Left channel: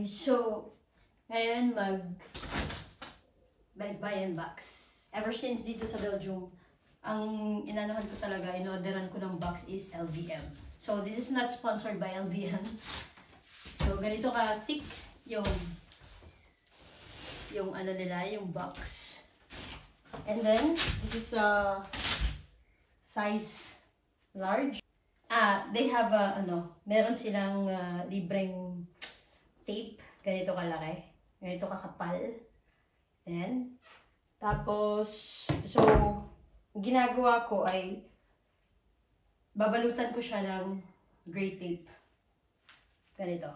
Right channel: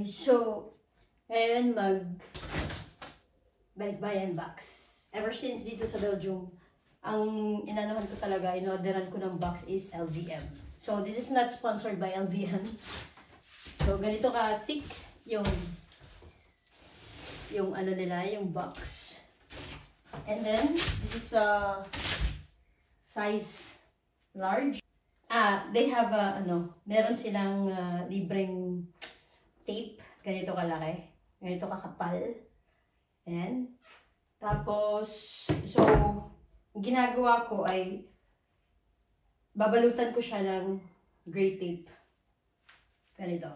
guys, so ngayon balikbayan box. Ever since dito sa Belgium, ang inanahan ko talaga, in-orderan ko ng box is LVM. So this is not sponsored by LVM. So ganito ka thick yung ano nila, yung box. And then this is a size large. They have meron silang libreng tape, ganito kalaki, ganito kakapal. Ayan. Tapos, so, ginagawa ko ay babalutan ko siya ng gray tape. Ganito.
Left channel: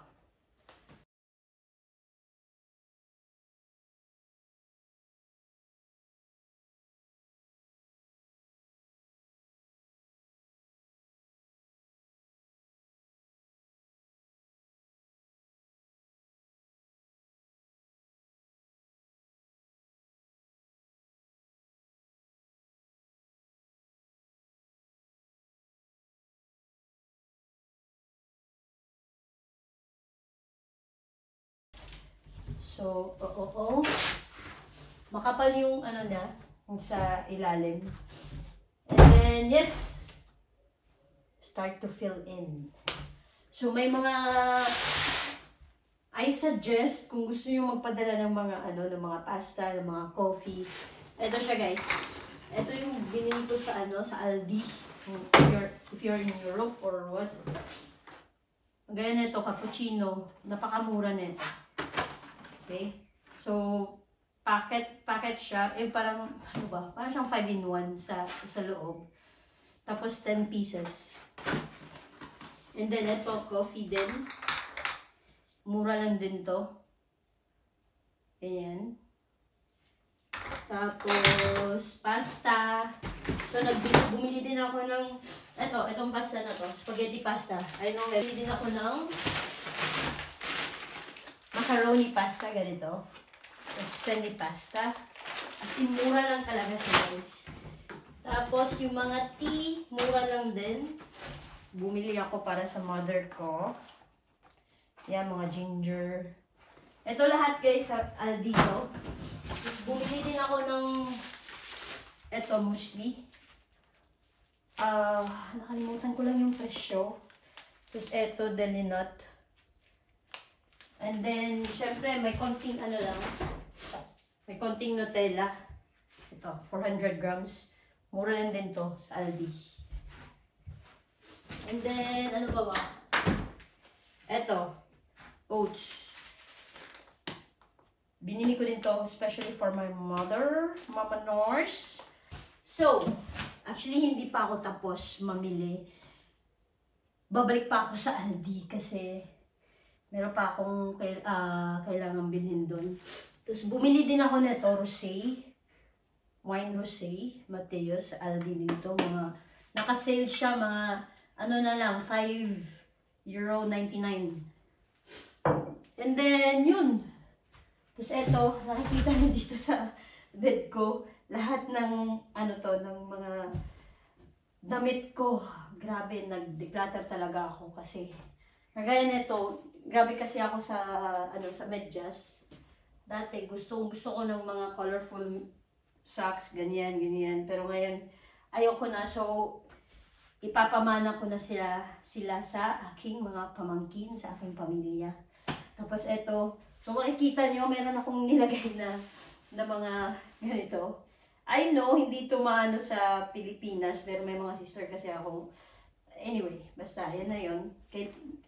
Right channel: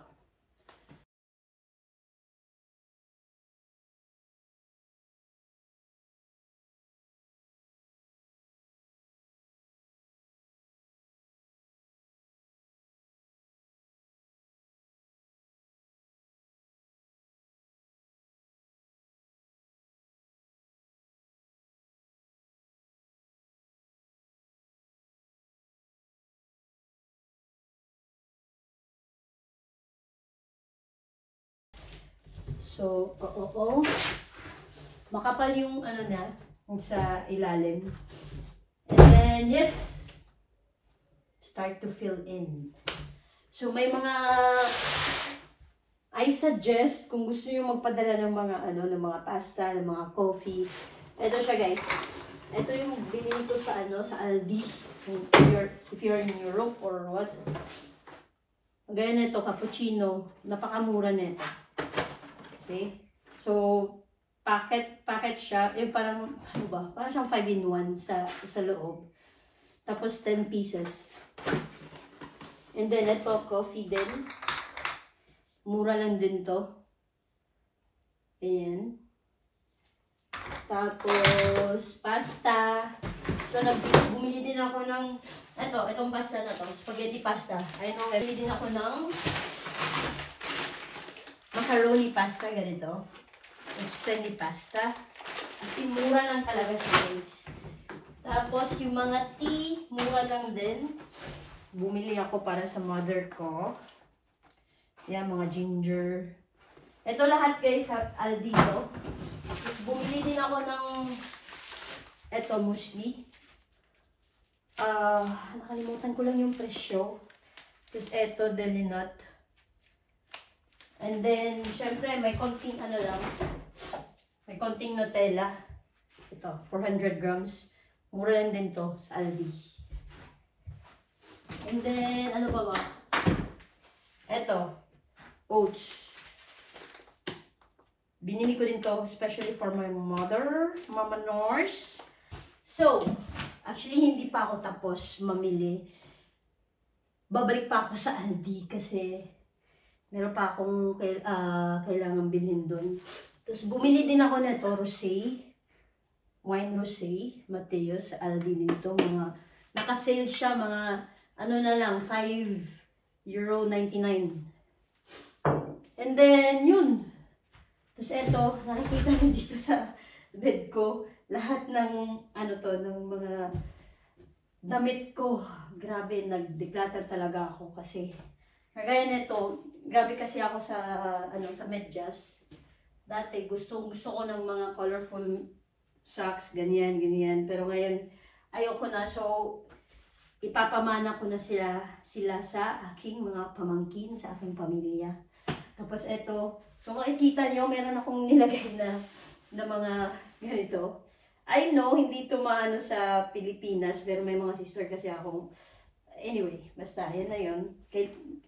So, makapal yung ano na, sa ilalim. And then, yes, start to fill in. So, may mga, I suggest, kung gusto nyo magpadala ng mga, ng mga pasta, ng mga coffee. Ito siya guys. Ito yung binili ko sa, sa Aldi. If you're in Europe or what. Gaya nito, cappuccino. Napakamura nito. Okay? So, packet siya. Parang, ano ba? Parang siyang 5-in-1 sa loob. Tapos, 10 pieces. And then, ito, coffee din. Mura lang din to. Ayan. Tapos, pasta. So, bumili din ako ng, itong pasta na to. Spaghetti pasta. Ayun, bumili din ako ng macaroni pasta, ganito. Spaghetti pasta. At mura lang talaga guys. Tapos, yung mga tea, mura lang din. Bumili ako para sa mother ko. Yan, mga ginger. Ito lahat guys sa Aldi to. Tapos, bumili din ako ng muesli. Nakalimutan ko lang yung presyo. Tapos, deli nut. And then, syempre, may konting lang. May konting Nutella. Ito, 400 grams. Mura lang din to sa Aldi. And then, ano pa ba? Ito, oats. Binili ko din to, especially for my mother, Mama Nors. So, actually, hindi pa ako tapos mamili. Babalik pa ako sa Aldi kasi meron pa akong kailangan bilhin doon. Tapos, bumili din ako nito, rosé. Wine rosé. Mateos, Aldi nito. Naka-sale siya, mga, na lang, €5.99. And then, yun. Tapos, ito, nakikita nyo dito sa bed ko. Lahat ng, ng mga damit ko. Grabe, nag-declutter talaga ako kasi kagaya nito, grabe kasi ako sa medyas. Dati gusto ko ng mga colorful socks, ganyan. Pero ngayon, ayoko na. So, ipapamana ko na sila sa aking mga pamangkin, sa aking pamilya. Tapos ito, so makikita nyo, meron akong nilagay na mga ganito. I know, hindi ito maano sa Pilipinas, pero may mga sister kasi ako. Anyway, basta, yan na yun.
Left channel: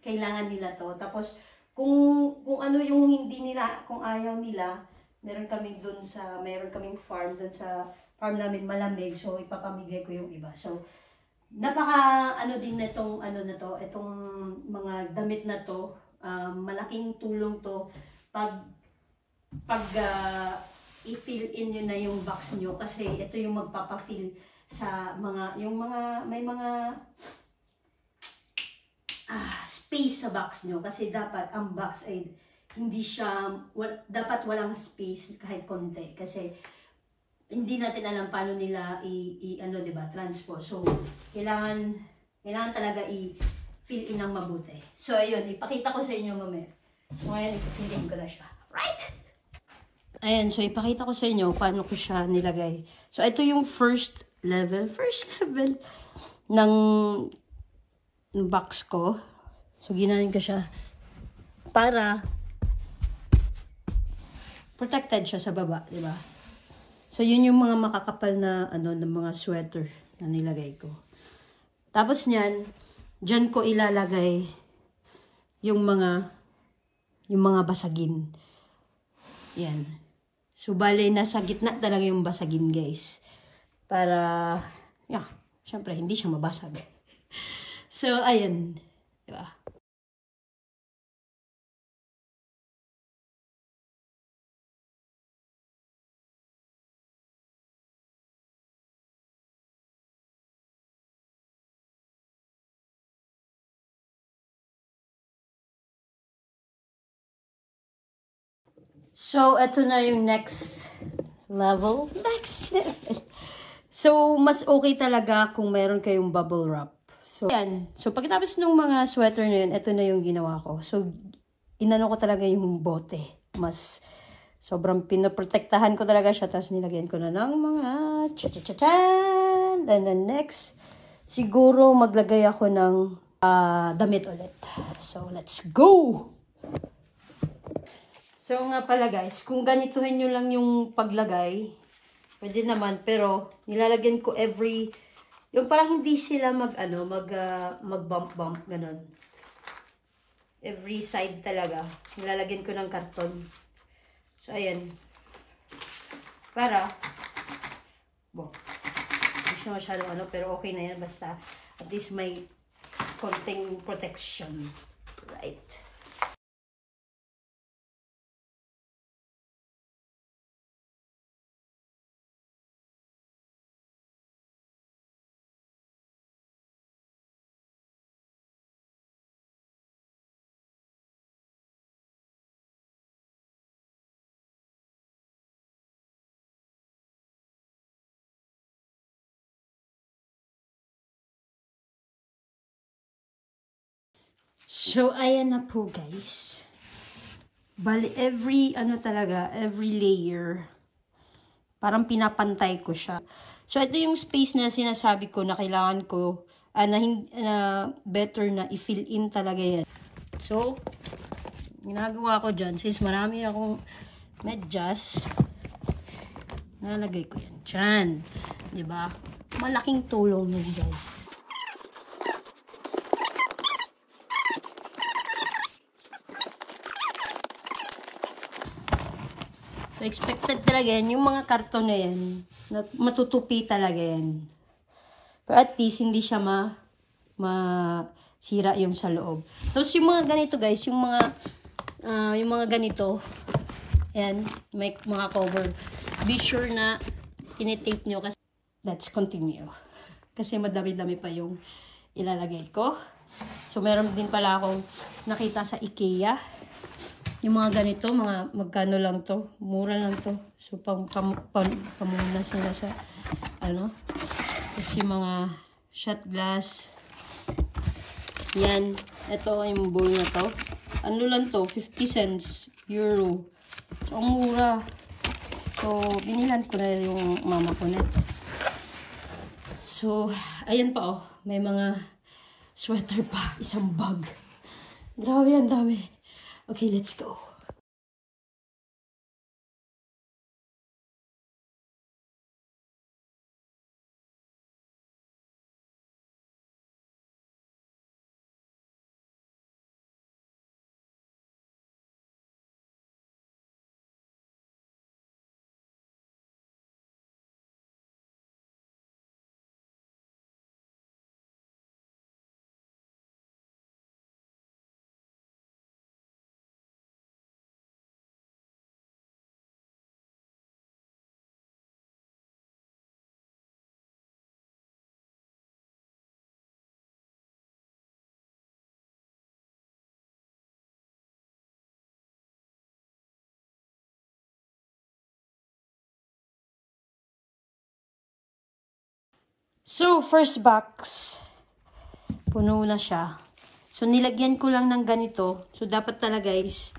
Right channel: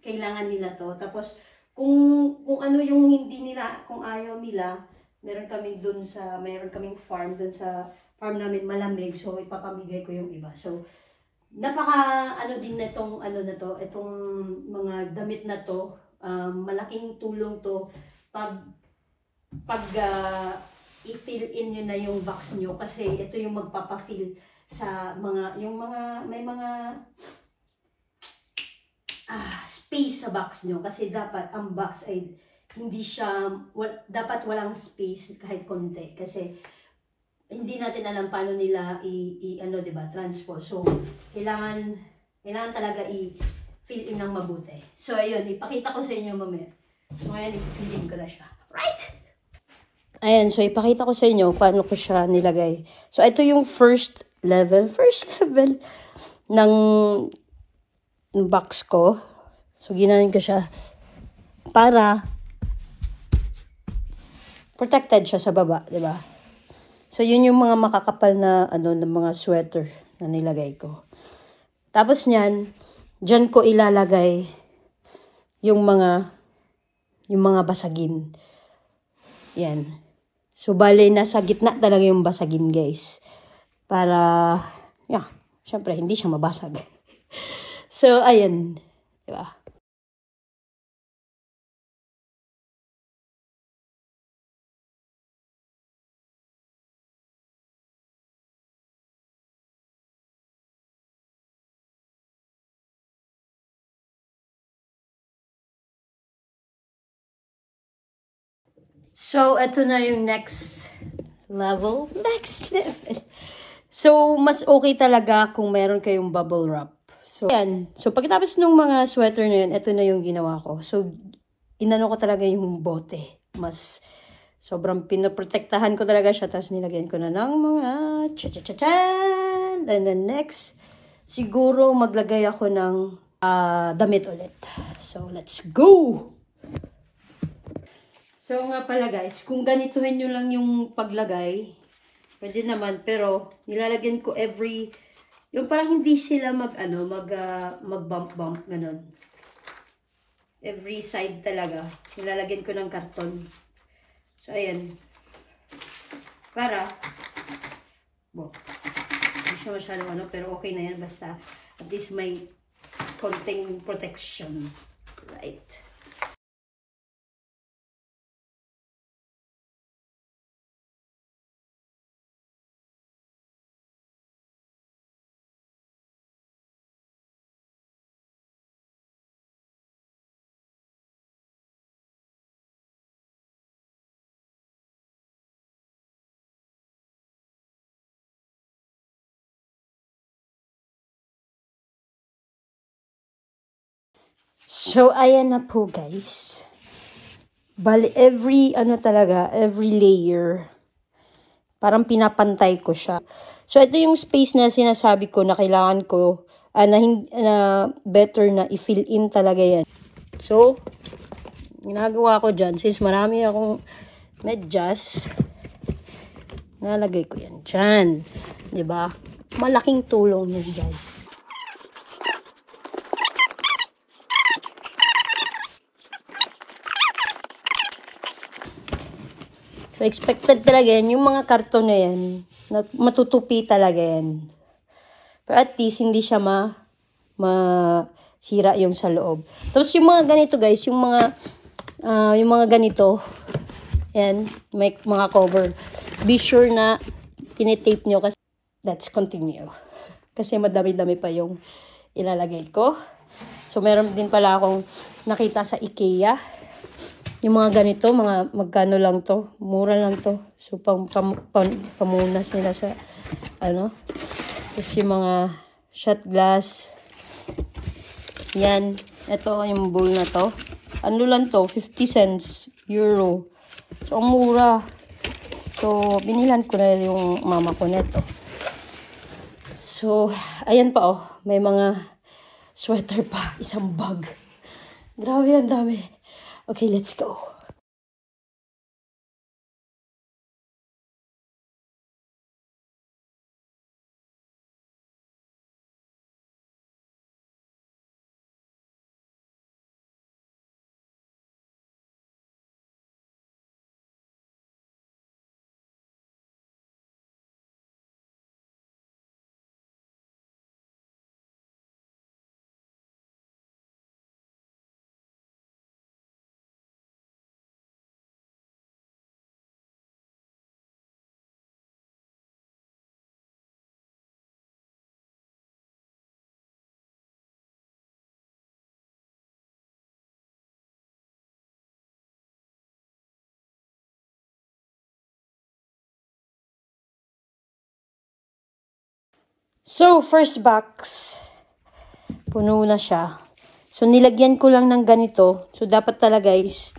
Kailangan nila to. Tapos, kung ano yung hindi nila, kung ayaw nila, meron kaming farm dun sa farm namin, malamig. So, ipapamigay ko yung iba. So, napaka, din na itong, itong mga damit na to. Malaking tulong to pag i-fill in nyo na yung box nyo. Kasi, ito yung magpapafill sa may mga space sa box nyo kasi dapat ang box ay hindi siya, dapat walang space kahit konti kasi hindi natin alam paano nila diba, transport. So, kailangan talaga i-fill in ng mabuti. So, ayun, ipakita ko sa inyo mamaya So, ngayon, ipipilin ko na siya. Right? Ayan, so ipakita ko sa inyo paano ko siya nilagay. So, ito yung first level ng box ko. So, ginawan ko siya para protected siya sa baba, di ba? So, yun yung mga makakapal na, ng mga sweater na nilagay ko. Tapos niyan, dyan ko ilalagay yung mga basagin. Yan. So, bale, nasa gitna talaga yung basagin, guys. Para, syempre, hindi siya mabasag. So, ayan. Diba? So, ito na yung next level. So, mas okay talaga kung meron kayong bubble wrap. So, yan. So, pagkatapos ng mga sweater na yun, ito na yung ginawa ko. So, inano ko talaga yung bote. Mas, sobrang pinoprotektahan ko talaga siya. Tapos, nilagyan ko na ng mga cha-cha-cha-chan. And then, next, siguro maglagay ako ng damit ulit. So, let's go! So, nga pala guys, kung ganituhin nyo lang yung paglagay, pwede naman, pero nilalagyan ko yung parang hindi sila mag-bump, ganun. Every side talaga, nilalagyan ko ng karton. So, ayan. Para, hindi siya masyadong pero okay na yan, basta at least may konting protection. Right. So, ayan na po guys. Bali, every layer, parang pinapantay ko siya. So, ito yung space na sinasabi ko na kailangan ko, na better na i-fill in talaga yan. So, ginagawa ko dyan, since marami akong medyas, nalagay ko yan dyan. Diba? Malaking tulong yun guys. So, expected talaga yan. Yung mga karton na yan, matutupi talaga yan. Pero at least, hindi siya masira yung sa loob. Tapos, yung mga ganito, guys, yung mga ganito, yan, may mga cover. Be sure na tinitape nyo kasi let's continue. Kasi madami-dami pa yung ilalagay ko. So, meron din pala akong nakita sa IKEA. Yung mga ganito, magkano lang to? Mura lang to. So, pamunas nila sa, Tapos yung mga shot glass. Yan. Ito, yung bowl na to. Ano lang to? 50 cents. Euro. So, ang mura. So, binilan ko na yung mama ko neto. So, ayan pa oh. May mga sweater pa. Isang bag. Grabe, ang dami. Okay, let's go. So, first box, puno na siya. So, nilagyan ko lang ng ganito. So, dapat talaga guys,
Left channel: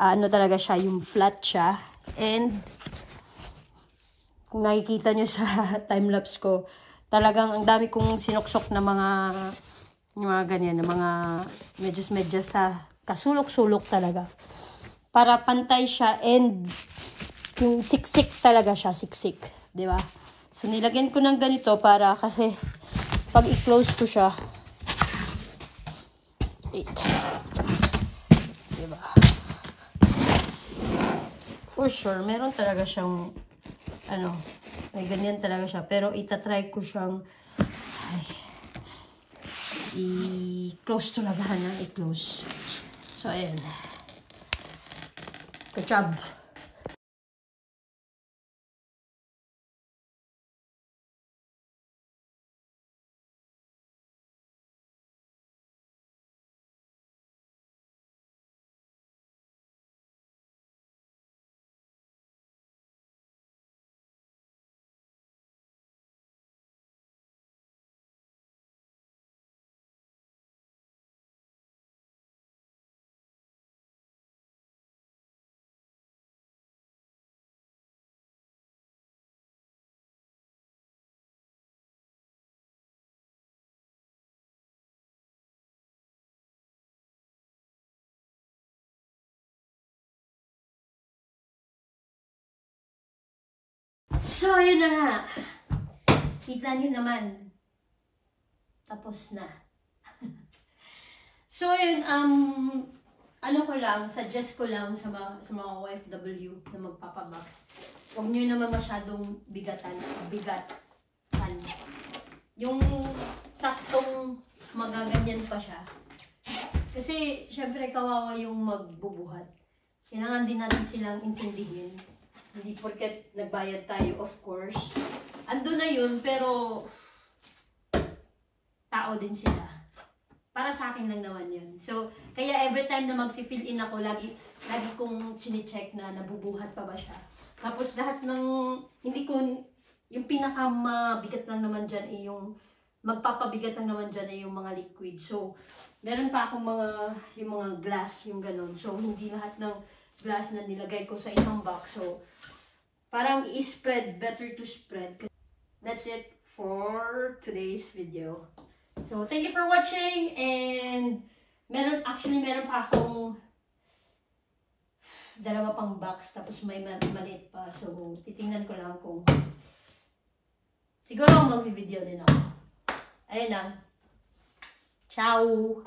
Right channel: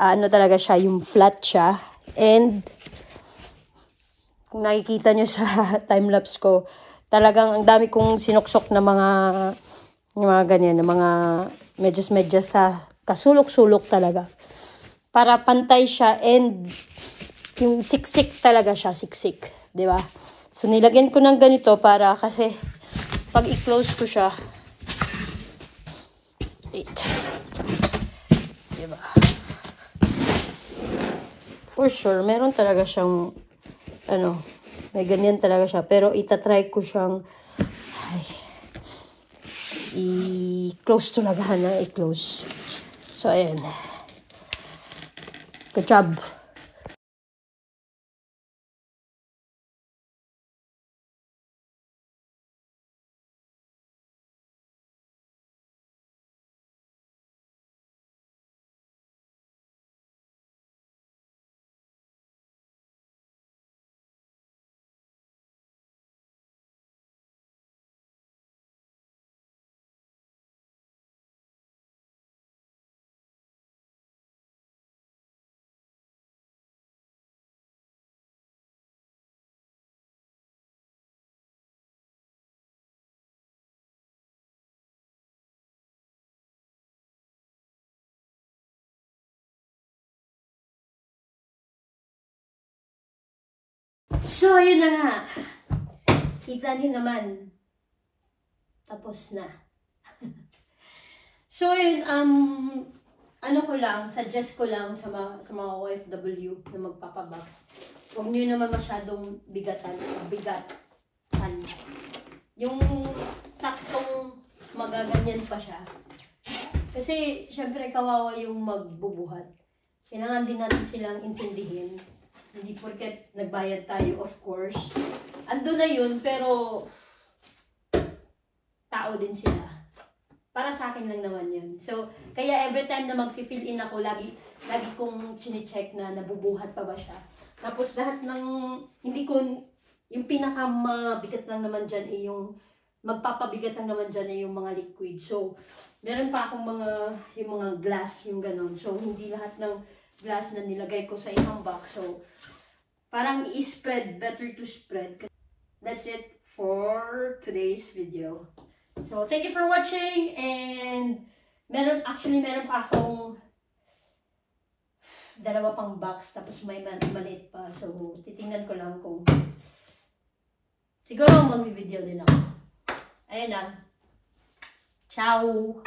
ano talaga siya, yung flat siya. And, kung nakikita nyo sa time-lapse ko, talagang ang dami kong sinuksok na mga ganyan, na mga medyas-medyas sa kasulok-sulok talaga. Para pantay siya and yung siksik talaga siya, siksik. Diba? So, nilagyan ko ng ganito para kasi pag i-close ko siya, wait. Diba? For sure, meron talaga siyang may ganyan talaga siya. Pero itatry ko siyang i-close talaga na i-close. So, ayan. Good job. So, ayun na nga. Kita niyo naman. Tapos na. So, ayun, ano ko lang, suggest ko lang sa mga OFW na magpapabox. Huwag niyo naman masyadong bigatan. Yung saktong magaganyan pa siya. Kasi, syempre, kawawa yung magbubuhat. Kailangan din natin silang intindihin. Hindi porket nagbayad tayo, of course. Ando na yun, pero tao din sila. Para sa akin lang naman yun. So, kaya every time na mag-fill in ako, lagi kong chine-check na nabubuhat pa ba siya. Tapos lahat ng, hindi ko, yung pinakamabigat lang naman dyan ay yung, magpapabigat lang naman dyan ay yung mga liquid. So, meron pa akong yung mga glass, yung ganun. So, hindi lahat ng glass na nilagay ko sa isang box. So, parang i-spread, better to spread. That's it for today's video. So, thank you for watching, and meron pa akong dalawa pang box, tapos may maliit pa. So, titingnan ko lang kung siguro mag-video din ako. Ayun na. Ciao!